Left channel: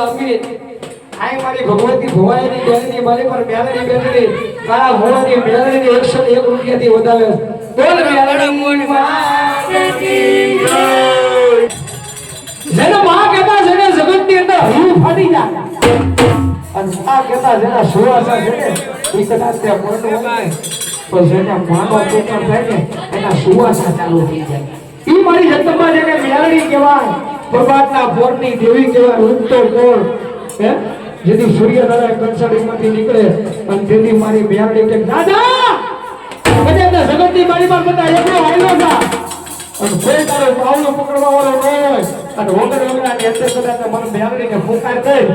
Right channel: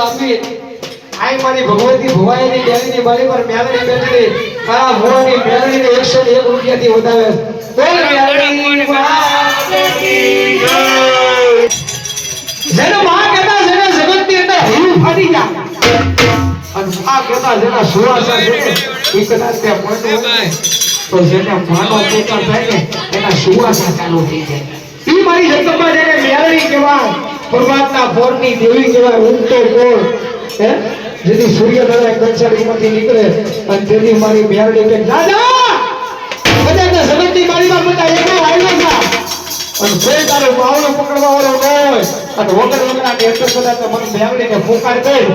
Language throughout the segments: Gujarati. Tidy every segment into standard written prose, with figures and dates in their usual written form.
લાંબી આઈ મારી ભગવતી ભુવાઈની દેવીની મારી પર મેલડી બેઠી આ ભુવાની મેલડીને 101 રૂપિયાથી વધાવે બોલ મેલડી માતકી જય જેને માં કહેતા જેને જગતની અંદર હિમ ફાટી જાય અને માં કહેતા જેના સુવાસા છે એ કદાચ તે મળતો હોય ને તો જેને માનો પોકાર થાય ને એના સુવાસા ચાલુ થઈ જાય ઈ મારી જગતમાં જેને મેલડી કહેવાય પ્રભાતના પોરની દેવી કહેવાય ઉગતો પોર હે જેથી સૂર્યનારાયણ કંસારીમાંથી નીકળે અને તેથી મારી મેલડી કે દાદા કદાચ જગતની મારી પર બધા એક વાયલો છે અને કોઈ તારો પાવલો પકડવા વાળો ન હોય અને વગર વગરની અંદર કદાચ મન મેલડીને પુકાર કરી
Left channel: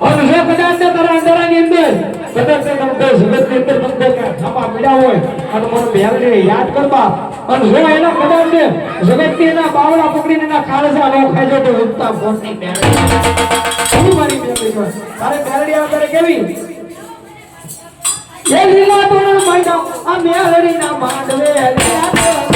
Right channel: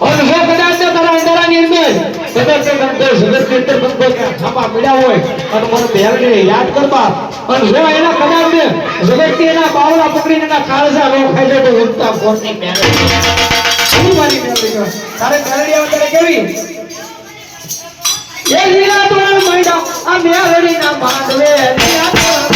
અને જો કદાચ તારા અંધારાની અંદર કદાચ જગતની અંદર બંધો ખાપા પડ્યા હોય અને મને મેલડીને યાદ કરવા અને જો એના કદાચ જગતની એના બાવલા પકડીને એના કાળજા નો ખાઈ જાય તો ઉગતા પોરની મેલડી મારી મેલડી તારે મેલડી અત્યારે કેવી એ લીલા તો માંડો આ મેલડી ના માંડવે